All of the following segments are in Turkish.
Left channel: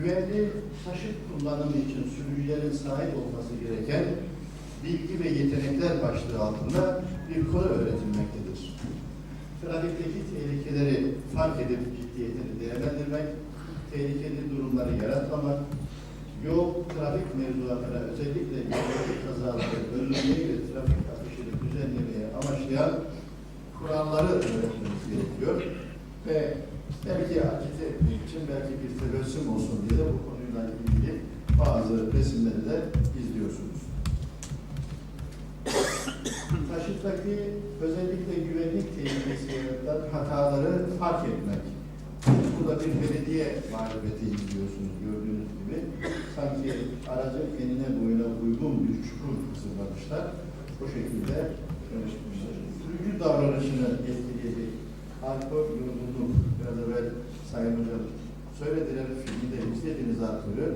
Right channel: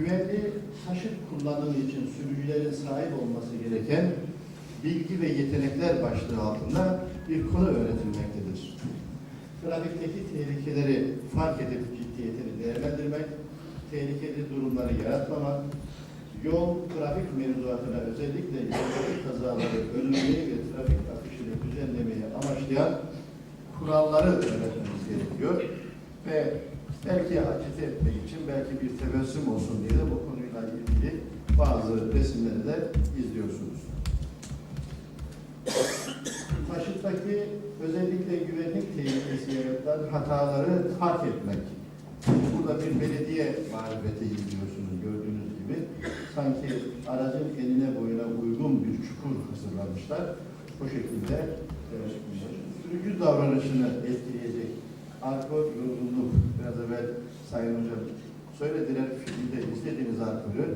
güvenli taşıt kullanımı için sürücülerin sahip olması gereken bilgi ve yetenekler başlığı altında bir konu öğretilmektedir. Trafikteki tehlikeleri fark edip ciddiyetini değerlendirmek, tehlikeli durumları yaratmamak, yol trafik mevzuatına özellikle yolculuk kazaları önlemeyi ve trafik akışını düzenlemeyi amaçlayan kuralları öğretmemiz gerekiyor. Ve belki acite etmek için belki bir tebessüm olsun diye de bu konuyla ilgili bazı resimleri de izliyorsunuz. Taşıttaki özellikle güvenlik tehlikesi yaratan hataları fark etmek. Burada bir belediye mağlubiyeti izliyorsunuz gördüğünüz gibi. Sanki aracın enine boyuna uygun bir çukur hazırlamışlar. Bu şekilde e, sürücü davranışını etkileyecek alkol yorgunluk biraz evvel Sayın Hocam söylediler filmde izlediğiniz alkolü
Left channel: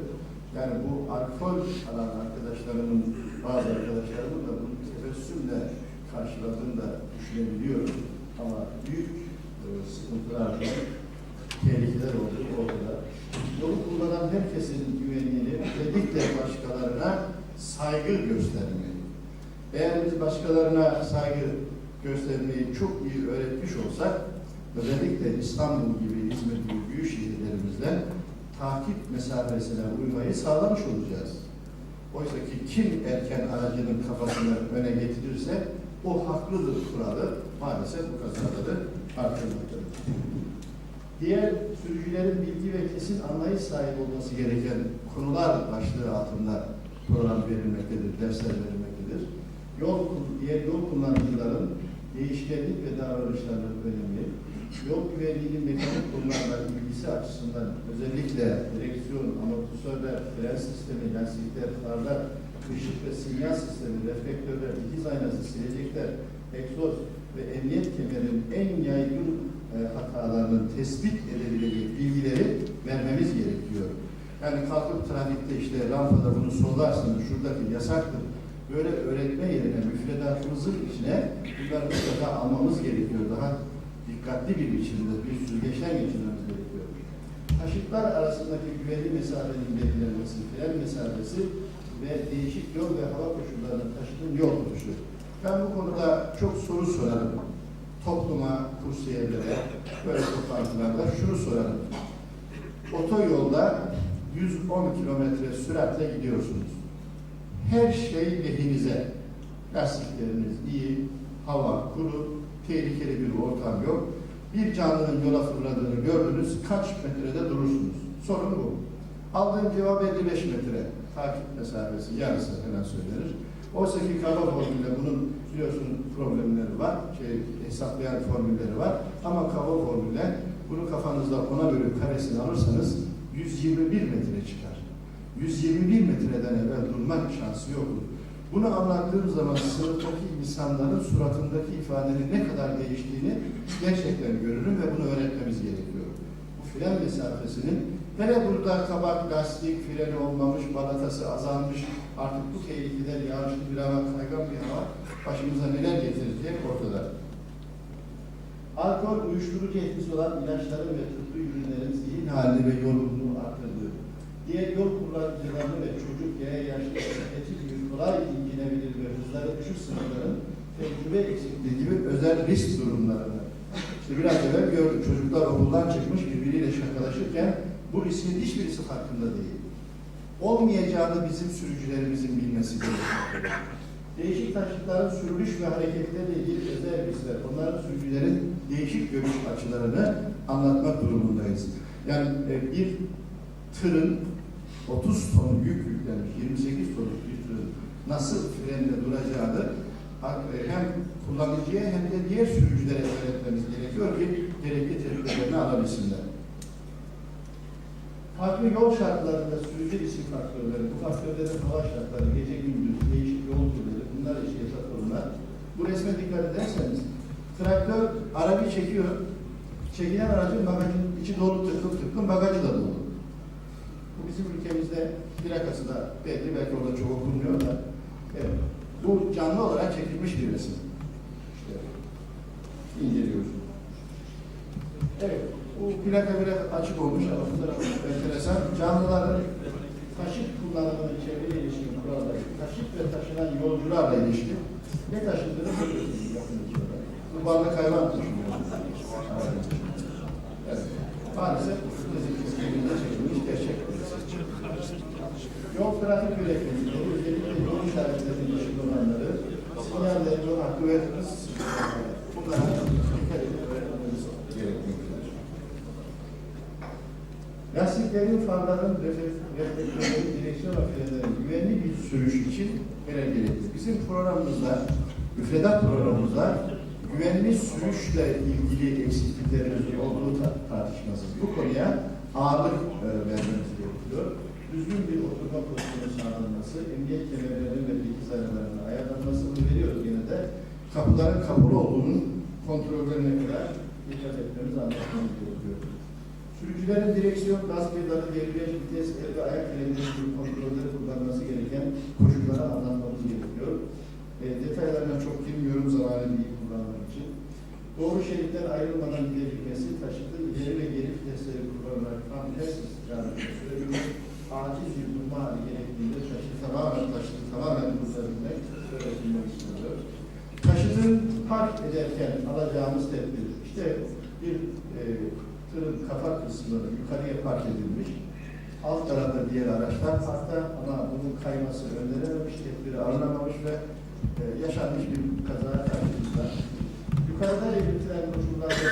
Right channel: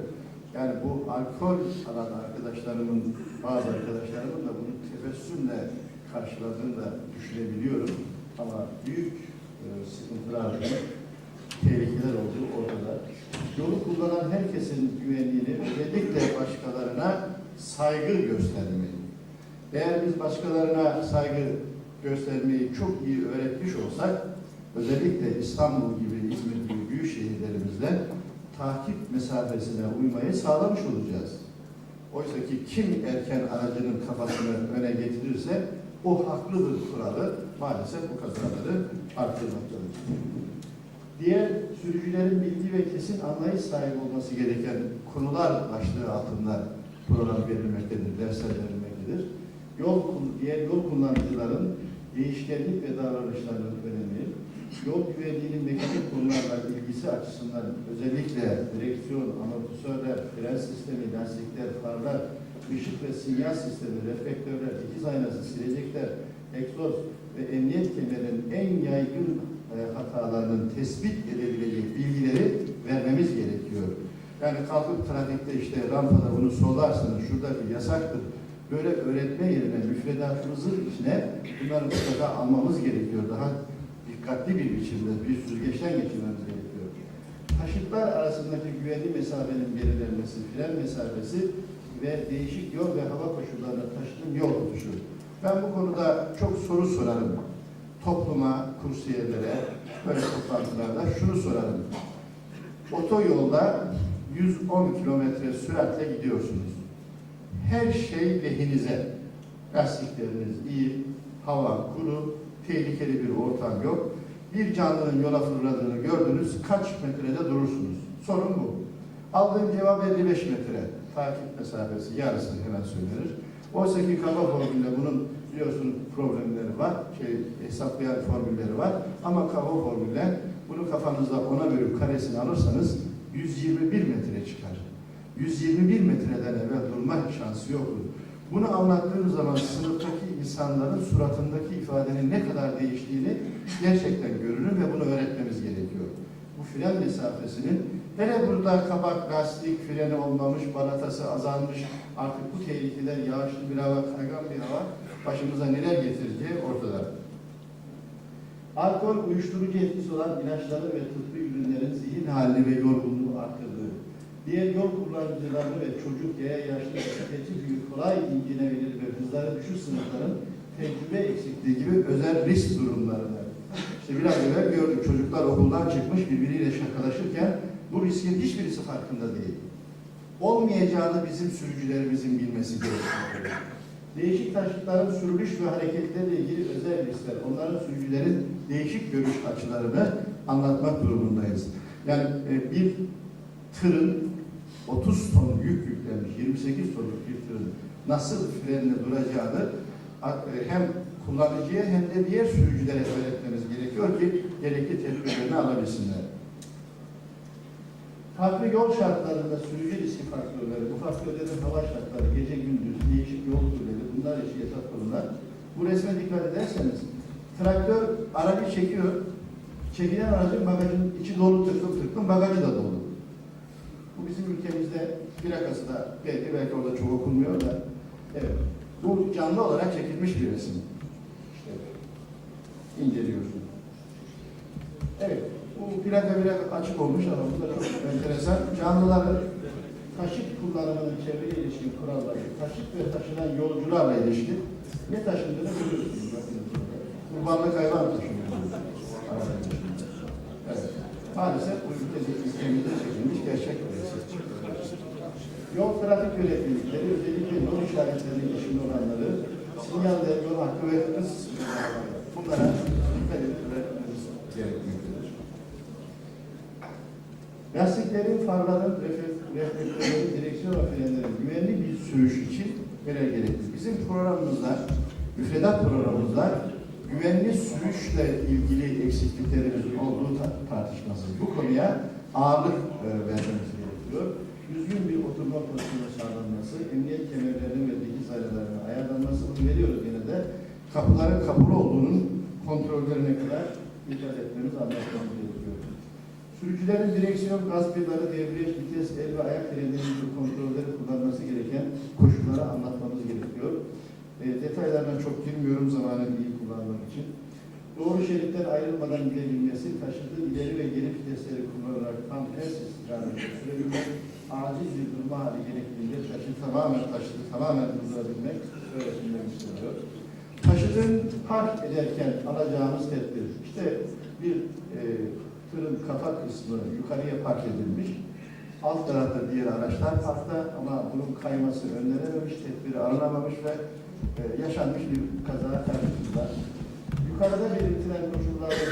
yani bu alkol alan arkadaşlarımın bazı arkadaşlarımın da bunu tebessümle karşıladığını da düşünebiliyorum ama büyük e, sıkıntılar tehlikeler olduğu ortada. Yolu kullanan herkesin güvenliğini özellikle başkalarına saygı göstermeyi. Eğer biz başkalarına saygı göstermeyi çok iyi öğretmiş olsak, özellikle İstanbul gibi, İzmir gibi büyük şehirlerimizde takip mesafesine uymayı sağlamış olacağız. Oysa ki kim erken aracının kafasını öne getirirse o haklıdır kuralı maalesef bu kazaları artırmaktadır. Diğer sürücülerin bilgi ve kesin anlayış sahibi olması gereken konular başlığı altında program verilmektedir, dersler verilmektedir. Yol, diğer yol kullanıcıların değişkenlik ve davranışlarının önemi, yol güvenliğinin mekanik konularla ilgisi açısından özellikle direksiyon, amortisörler, fren sistemi, lastikler, farlar, ışık ve sinyal sistemi, reflektörler, dikiz aynası, silecekler, egzoz ve emniyet kemerinin en yaygın e, hatalarının tespit edebileceği bilgileri vermemiz gerekiyor. Yani kalkıp trafikte işte rampada bunu sollarsınız, şuradaki yasaktır. Böyle öğretme yerine müfredatımızın içine bunları mutlaka almamız gerekiyor. Daha dikkatli bir biçimde bir süzgeçten geçirmemiz gerekiyor. Taşıtlar arasındaki güvenli mesafenin belirlenmesi, fren mesafesi ve değişik yol ve hava koşullarına taşıtın yol tutuşu. Ben bu konuda çok soru sorarım. Topluma, kursiyerlere, böyle toplantılarda şunu sorarım. Otoyolda 110 kilometre süratle gidiyorsunuz. Her şey lehinize. Lastikleriniz iyi, hava kuru, tehlikeli bir ortam yok. Bir canlının yola fırladığını gördünüz, kaç metrede durursunuz? Sorun bu. Aldığım cevap 55 metre. Takip mesafesi yarısı hemen söylenir. Oysa ki kaba formülle bunun biliyorsun problemleri var, şey, hesaplayan formülleri var. Ama kaba formülle bunu kafanızda ona bölüp karesini alırsanız 121 metre çıkar. 121 metreden evvel durma şansı yoktur. Bunu anlattığım zaman sınıftaki insanların suratındaki ifadenin ne kadar değiştiğini gerçekten görünür ve bunu öğretmemiz gerekiyor. Bu fren mesafesinin hele burada kabak, lastik, freni olmamış, balatası azalmış, artık bu tehlikeler yağışlı bir hava, kaygan bir hava başımıza neler getireceği ortada. Alkol uyuşturucu etkisi olan ilaçların ve tıbbi ürünlerin zihin halini ve yorgunluğu arttırdığı, diğer yol kullanıcıları ve çocuk veya yaşlı bisikletçi gibi kolay incinebilir ve hızları düşük sınırların tecrübe eksikliği gibi özel risk durumlarını. İşte biraz evvel gördük çocuklar okuldan çıkmış birbiriyle şakalaşırken bu riskin hiçbirisi farkında değil. Olmayacağını bizim sürücülerimizin bilmesi gerekiyor. Değişik taşıtların sürülüş ve hareketleriyle ilgili özel riskler, onların sürücülerin değişik görüş açılarını anlatmak durumundayız. Yani e, bir tırın 30 ton yük yüklenmiş, 28 tonluk bir tırın nasıl frenle duracağını e, hem kullanıcıya hem de diğer sürücülere öğretmemiz gerekiyor ki gerekli tedbirlerini alabilsinler. Farklı yol şartlarında sürücü riski faktörleri, bu faktörlerin hava şartları, gece gündüz, değişik yol türleri, bunlar eşi esas konular. Bu resme dikkat ederseniz, traktör aracı çekiyor, çekilen aracın bagajın içi dolu tıklım tıklım, bagajı da dolu. Bu bizim ülkemizde plakası da belki, belki orada çok okunmuyor da, evet. Bu canlı olarak çekilmiş bir resim. İşte inceliyorsunuz. Evet, bu plaka biraz açık olmuş ama bunlar enteresan. Canlıların taşıt kullanımının çevre ilişkin kuralları, taşıt ve taşınan yolcularla ilişkin ne taşındığını görüyorsunuz. Bakın şurada. Kurbanlık hayvan taşınıyor. Evet. Maalesef bu ülkemizde çekilmiş gerçek resim. Yol trafik yönetmelikleri özellikle yol işaretlerinin dışında olanları, sinyaller, yol hakkı ve hız bunlara dikkat edip öğretmemiz gerekmektedir. Lastiklerin, farların, reflek- reflektörlerin, direksiyon frenlerin güvenli bir sürüş için görev gerekli. Bizim programımızda, müfredat programımızda güvenli sürüşle ilgili eksikliklerimizin olduğu ta- tartışmasız. Bu konuya ağırlık e, vermemiz gerekiyor. Düzgün bir oturma pozisyonu sağlanması, emniyet kemerlerinin ve dikiz ayarlarının ayarlanması bunu veriyoruz yine de. Kapıların kapalı olduğunun kontrollerine kadar dikkat etmemiz, anlatmamız gerekiyor. Sürücülerin direksiyon, gaz pedali, debriyaj, vites, el ve ayak frenleri gibi kontrolleri kullanması gereken koşulları anlatmamız gerekiyor. E, detaylarına çok girmiyorum zamanı iyi kullanmak için. Doğru şeritten ayrılmadan gidebilmesi, taşıdığı ileri ve geri vitesleri kullanarak tam ters istikamette sürebilmek, acil bir durma hali gerektiğinde taşıt tamamen taşıtı tamamen durdurabilmek öğretilmek isteniyor. Taşıtın park ederken alacağımız tedbir, işte bir e, tırın kafa kısmı yukarıya park edilmiş, alt tarafta diğer araçlar parkta ama bunun kayması önlenememiş, tedbiri alınamamış ve e, yaşanmış bir kaza karşımızda. Yukarıda belirtilen koşullarda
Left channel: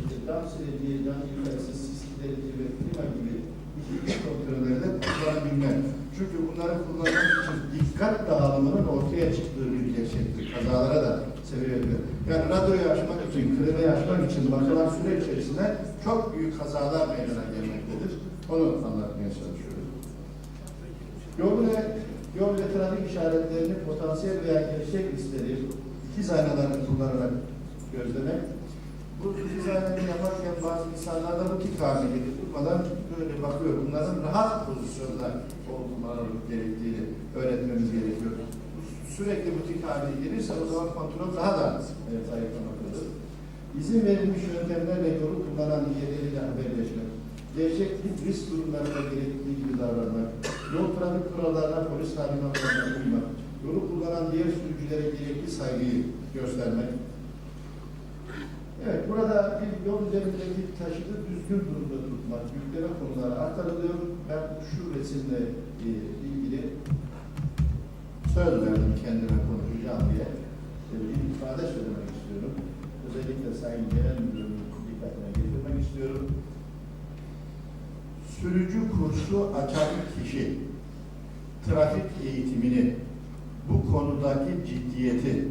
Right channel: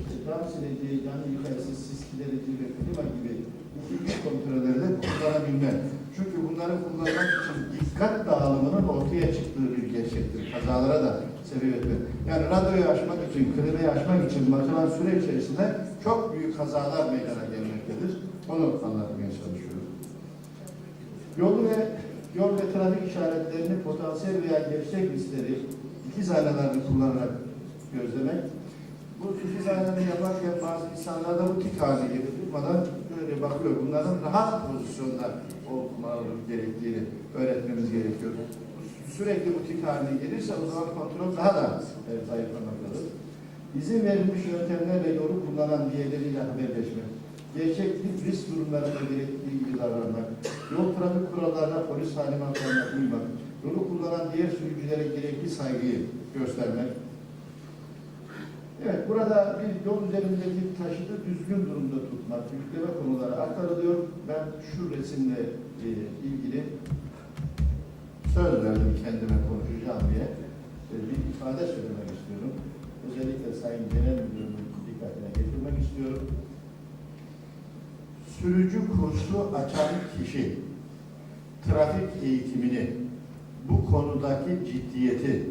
işte cam sileceği, cam yıkayıcısı, sis giderici ve klima gibi nitelik kontrolleri de kullanabilmek. Çünkü bunları kullanmak için dikkat dağılımının ortaya çıktığı bir gerçektir. Kazalara da sebebiyet verir. Yani radyoyu açmak için, klimayı açmak için bakılan süre içerisinde çok büyük kazalar meydana gelmektedir. Onu anlatmaya çalışıyorum. Yol ve yol ve trafik işaretlerini potansiyel veya gerçek riskleri ikiz aynalarını kullanarak gözlemek. Bu ikiz aynaları yaparken bazı insanlarda bu tik haline gelir. Böyle bakıyor. Bunların rahat pozisyonda olmaları gerektiğini öğretmemiz gerekiyor. Sürekli bu tik haline gelirse o zaman kontrol daha da e, zayıflamaktadır. İzin verilmiş yöntemlerle yolu kullanan diğerleriyle haberleşmek. Gerçeklik risk durumlarında gerektiği gibi davranmak. Yol trafik kurallarına, polis talimatlarına uymak. Yolu kullanan diğer sürücülere gerekli saygıyı göstermek. Evet, burada bir yol üzerindeki taşıtı düzgün durumda tutmak, yükleme konuları aktarılıyor. Ben şu resimle e, ilgili söz verdim kendime konuşacağım diye e, bir ifade söylemek istiyorum. Özellikle Sayın Genel Müdürümün dikkatine getirmek istiyorum. Sürücü kursu açan kişi trafik eğitimini bu konudaki ciddiyeti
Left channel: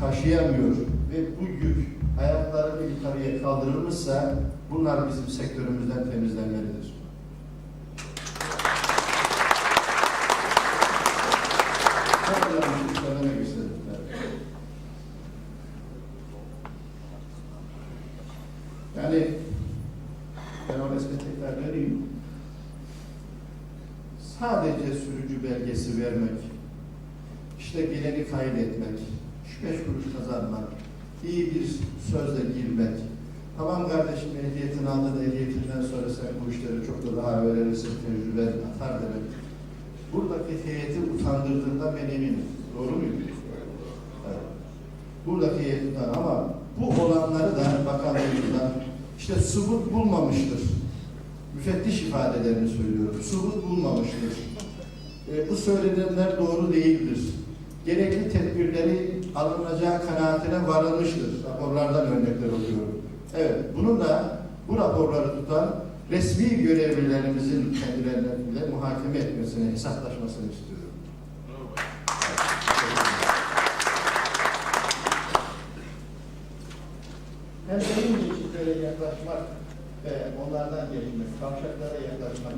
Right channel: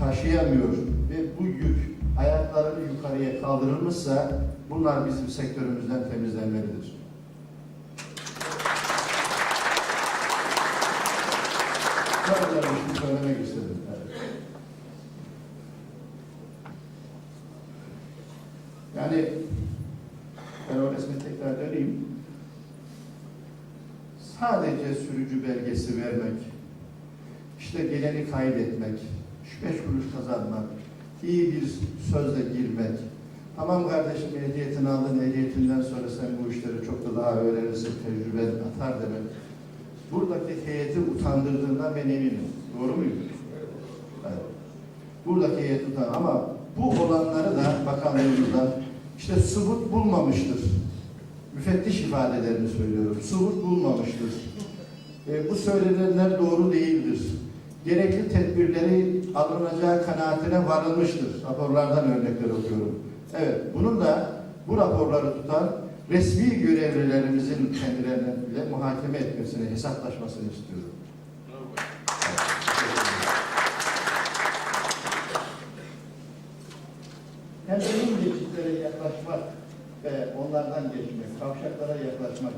taşıyamıyor ve bu yük ayaklarını yukarıya kaldırılmışsa bunlar bizim sektörümüzden temizlenmelidir. Söylemek istedim. Yani ben o resme tekrar döneyim. Sadece sürücü belgesi vermek, işte geleni kaydetmek, şu beş kuruş kazanmak, iyi bir sözle girmek. Tamam kardeşim ehliyetini aldın, ehliyetinden sonra sen bu işleri çok da daha öğrenirsin, tecrüben atar demek. Buradaki heyeti utandırdığından ben eminim. Doğru muyum? Evet. Buradaki heyet utan ama bu olanları da bakanlığımızdan işte subut bulmamıştır. Müfettiş ifadelerini söylüyorum. Subut bulmamıştır. E, bu söylenenler doğru değildir. Gerekli tedbirleri alınacağı kanaatine varılmıştır. Raporlardan örnekler okuyorum. Evet, bunun da bu raporları tutan resmi görevlilerimizin kendileriyle muhakeme etmesini, hesaplaşmasını istiyorum. Benim geçitlere yaklaşmak ve onlardan geçmek, kavşaklara yaklaşmak,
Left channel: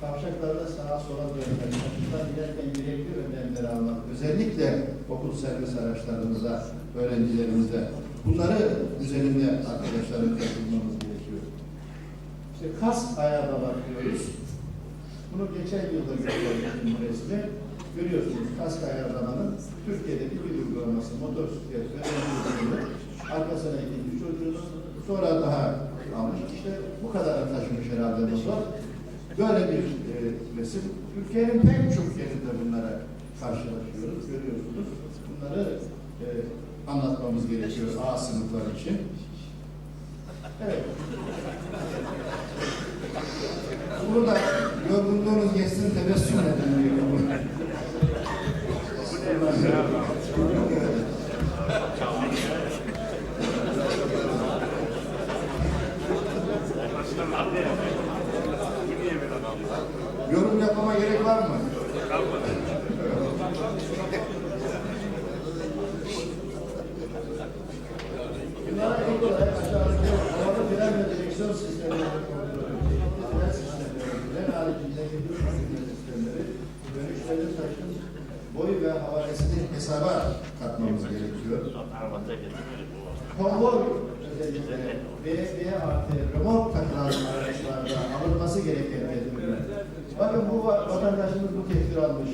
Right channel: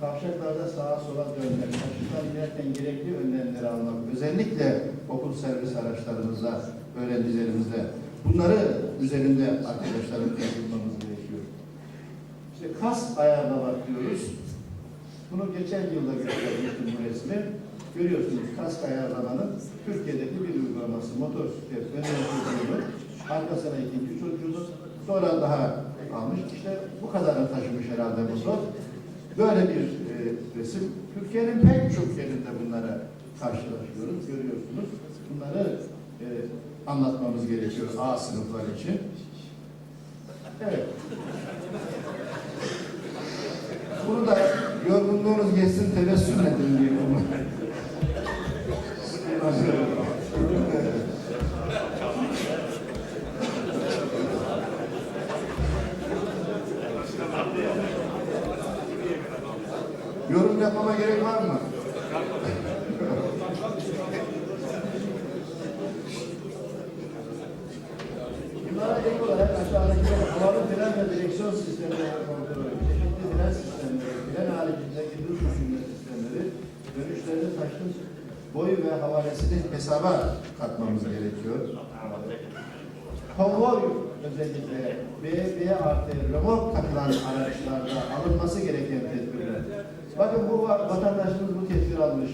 kavşaklarda sağa sola dönmek, taşıtlar inerken gerekli önlemleri almak, özellikle okul servis araçlarımıza, öğrencilerimize bunları üzerinde arkadaşlarım katılmamız gerekiyor. İşte kas ayarlamak diyoruz. Bunu geçen yılda göstermiştim bu resmi. Görüyorsunuz kask ayarlamanın Türkiye'deki bir uygulaması. Motosiklet önemli çocuğunu, arkasına ikinci çocuğunu, sonra daha almış. İşte bu kadarını taşımış herhalde bu zor. Böyle bir e, resim. Türkiye'nin pek çok yerinde bunlara karşılaşıyoruz, görüyorsunuz. Bunları e, anlatmamız gerekiyor A sınıflar için. Evet. Bunu da yorgunluğunuz geçsin tebessüm edin diye bunu. Evet. Yorum yapmama gerek var mı? Bunlara ek olarak aşağıdaki fren ve direksiyon sistemleri kontrolü, çeşitli fren sistemleri, fren haricindeki duş ürünme sistemleri, dönüşlerini taşın boyu ve havalesini hesaba katmamız gerekiyor. Konvoy özellikle B, B artı remork takılan araçlarda alınması gereken tedbirler. Bakın bu va- vatandaşımız bu tedbir almış.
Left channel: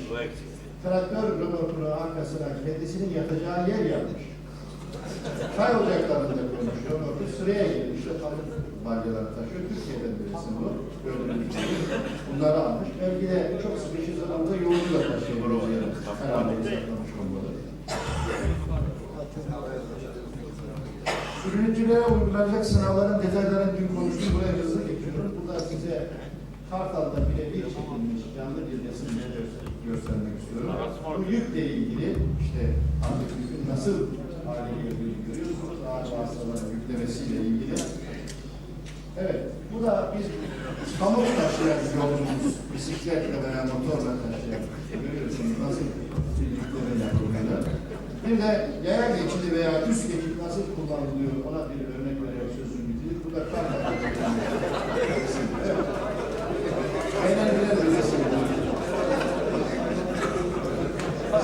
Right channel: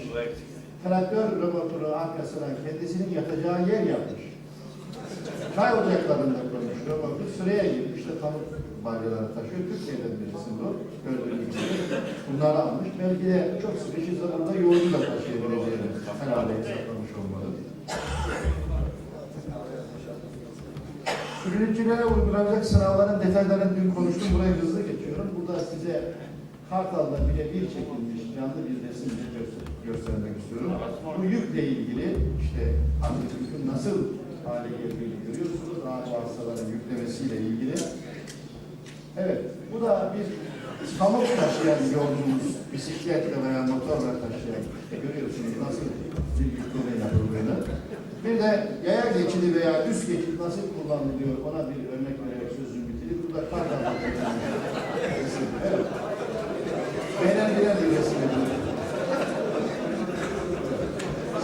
Traktör remorkunu arkasına kendisinin yatacağı yer yapmış. Çay ocaklarında koymuş remorku sıraya girmiş. İşte pamuk balyaları taşıyor. Türkiye'den birisi bu. Gördüğünüz gibi. Bunları almış. Belki de çok sıkışık zamanda yolcu da taşıyabileceğini herhalde hesaplamış olmalı. Ürüncülere uygulanacak sınavların detaylarını dün konuştum. Buraya hızlı geçiyorum. Burada size Kartal'da birebir çekilmiş canlı bir resim göster- göstermek istiyorum. Bu yükle ilgili işte artık yükün nasıl hale geldiğini görüyorsunuz. Ağır vasıtaların yüklemesiyle ilgili. Evet, bu da bir pamuk taşıyan yolcumuz, bisikletle veya motorla taşıyan, görüyorsunuz nasıl bir yükleme yapıldığını. Bir de yaya geçidi veya üst geçit nasıl kullanılıyor ona bir örnek vererek sözümü bitireyim. Bu da Kartal'da çekilmiş resim. Evet. Beğenilen bir resim.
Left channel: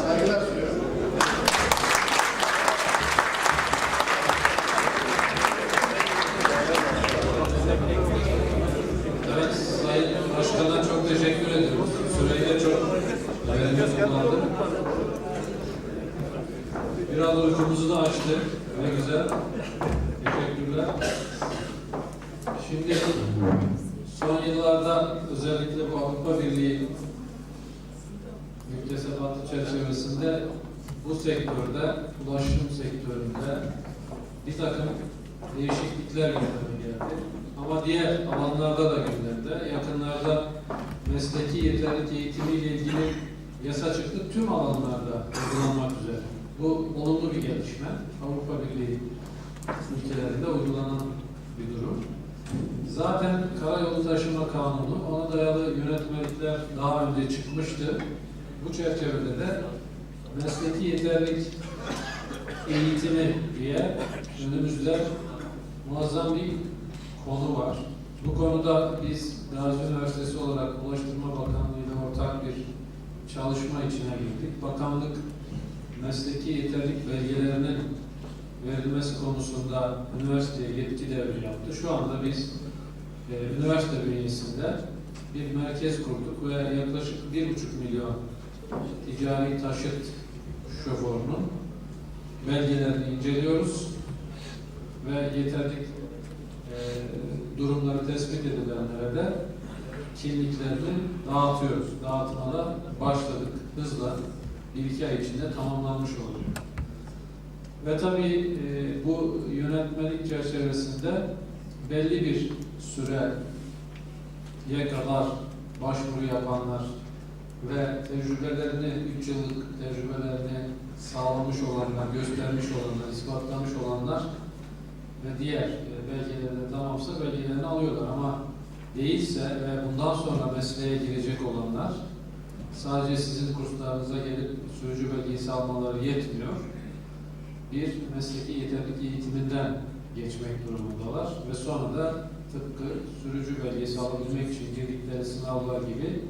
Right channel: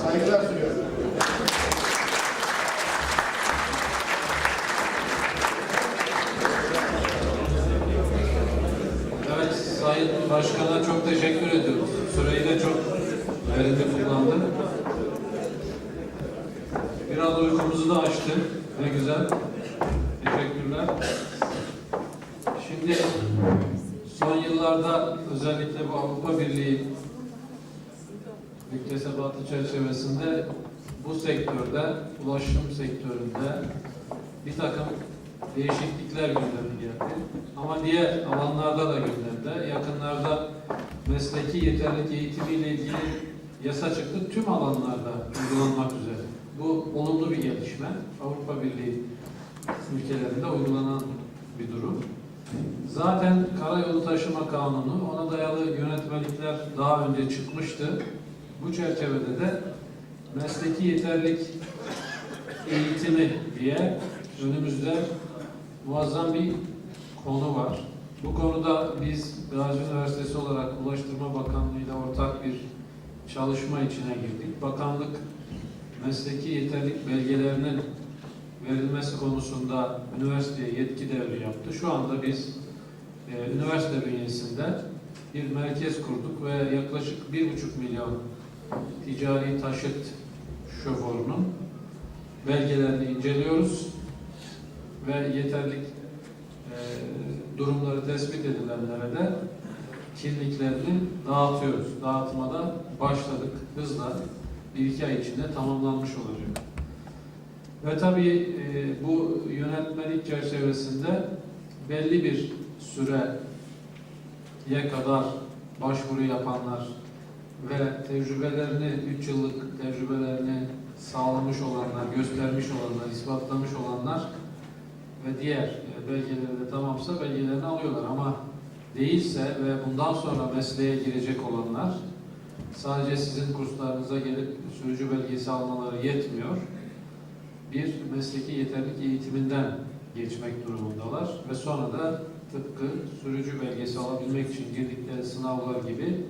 Saygılar sunuyorum. Evet, Sayın Başkan'a çok teşekkür ediyoruz. Süreyi de çok verimli kullandı. Biraz uykumuzu da açtı. Ne güzel. Teşekkürler. Şimdi son yıllarda özellikle bu Avrupa Birliği müktesebatı çerçevesinde bu sektörde, ulaşım sektöründe bir takım değişiklikler gündeme geldi. Ama diğer alanlarda da gündemde. Yakınlarda mesleki yeterlilik eğitimiyle ilgili yasa çıktı. Tüm alanlarda uygulanmak üzere. Bu olumlu bir gelişme. Avrupa Birliği ülkelerinde uygulanan bir durum. Zaten Karayolu Taşıma Kanunu, ona dayalı yönetmelikler daha önce çıkmıştı. Bu çerçevede de mesleki yeterlilik eğitimi diye önümüzde muazzam bir konu var. Bu konuda biz Gazi Üniversitesi olarak Ulaştırma Bakanlığı ile ortak bir çalışma içine girdik. Bakanlık mesleki yeterlilik belgelerinin verilmesi konusunda üniversiteye yetki devri yaptı. Şu anda biz e, üniversite bünyesinde bir merkez kurduk ve yaklaşık bir buçuk milyon ticari taşıt şoförünün belgelerini inceliyoruz ve yeterlik e, durumları tespit edilenlere de kimliklerini dağıtıyoruz. Dağıtmada başladık hızla bir iki ay içinde tamamlanmış olacak. Ve tabii e, bu yönetmelik çerçevesinde belli bir süreye kadar başvuru yapanlar ve tecrübelerini, 3 yıllık tecrübelerini sağlamış olanlar, göstermiş olanlar, ispatlamış olanlar ve diğer e, belgeleri de tamamsa belgelerini alıyorlar ama değilse ve bundan sonra mesleğe girecek olanlar sadece sizin kurslarınıza gelip sürücü belgesi almaları yetmiyor. Bir mesleki yeterlilik eğitiminden geçmek durumundalar ve sonra da tıpkı sürücü belgesi alabilmek için girdikleri sınavlar gibi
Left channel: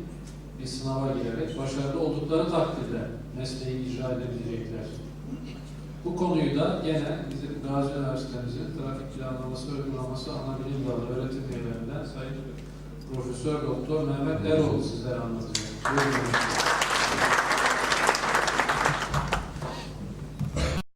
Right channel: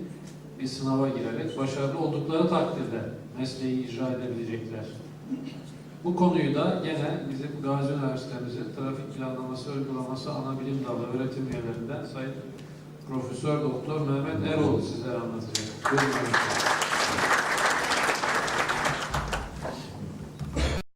bir sınava girerek başarılı oldukları takdirde mesleği icra edebilecekler. Bu konuyu da gene bizim Gazi Üniversitemizin trafik planlaması uygulaması ana bilim dalı öğretim üyelerinden Sayın Profesör Doktor Mehmet Eroğlu sizlere anlatacak. Buyurun.